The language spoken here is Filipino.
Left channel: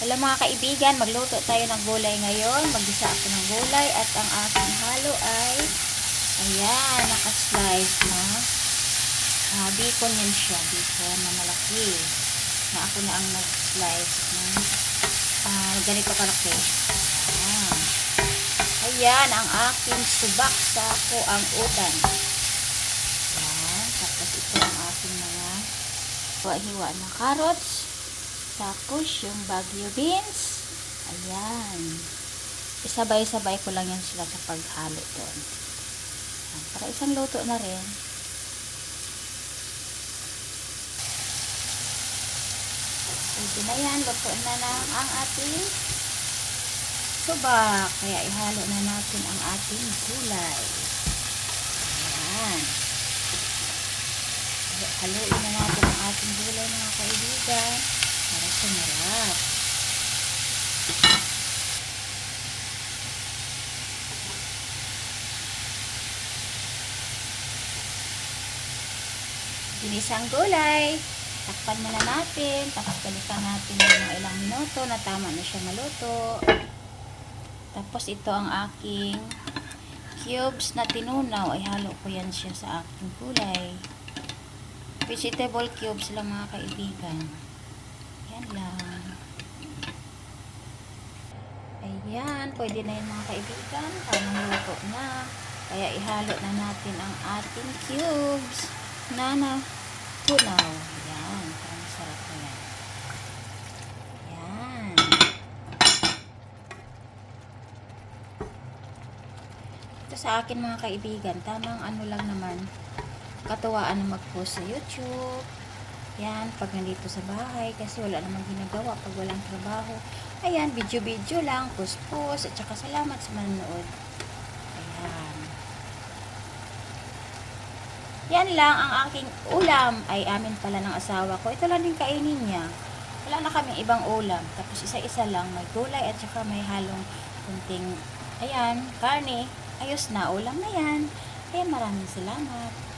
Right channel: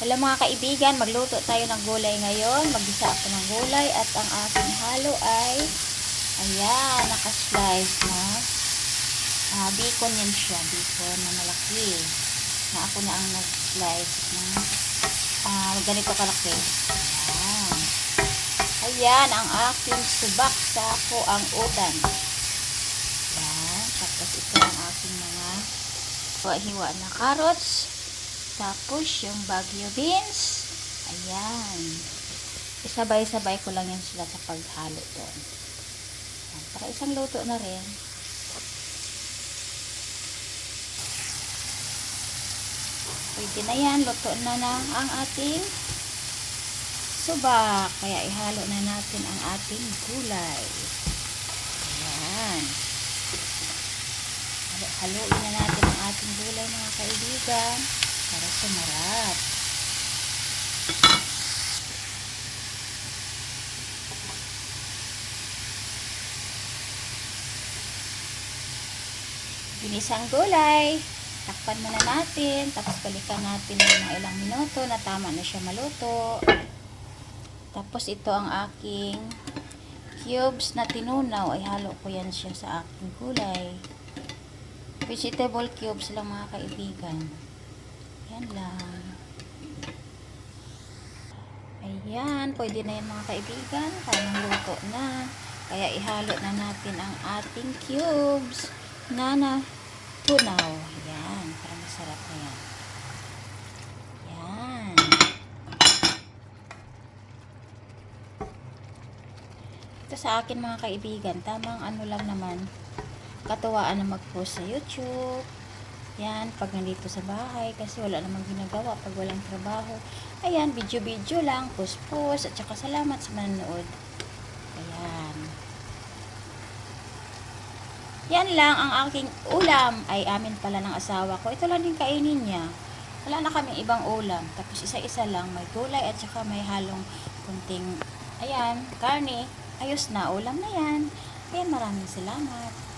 Hello mga kaibigan, magluto tayo ng gulay ngayon. Maggisa ako ng gulay at ang aking halo ay ayan, naka-slice na bacon yan siya, bacon na malaki na ako na ang nag-slice ng ganito kalaki. Ayan ang aking subak sa ako ang utan. Ayan, tapos ito ang aking mga hiwa na carrots. Tapos, yung Baguio beans. Ayan. Isabay-sabay ko lang yan sila sa paghalo doon. Ayan, para isang luto na rin. Pwede na yan. Luto na ang ating subak. Kaya ihalo na natin ang ating gulay. Ayan. Haluin na natin ang ating gulay mga kaibigan. Para sumarap. Ginisang gulay. Takpan muna natin. Tapos balikan natin ng mga ilang minuto na tama na siya maluto. Tapos ito ang aking cubes na tinunaw. Ay halo ko yan siya sa aking gulay. Vegetable cubes lang mga kaibigan. Yan lang. Ayan, pwede na yan mga kaibigan. Parang luto na. Kaya ihalo na natin ang ating cubes na tunaw. Ayan, parang masarap na yan. Ayan. Ito sa akin mga kaibigan, tamang ano lang naman, katuwaan na mag-post sa YouTube. Yan, pag nandito sa bahay, kasi wala namang ginagawa pag walang trabaho. Ayan, video-video lang, post-post, at saka salamat sa manonood. Ayan. Yan lang ang aking ulam. Ay, amin pala ng asawa ko. Ito lang din kainin niya. Wala na kaming ibang ulam. Tapos isa-isa lang, may gulay at saka may halong kunting, ayan, karne. Ayos na, ulam na yan. Ayan, maraming salamat.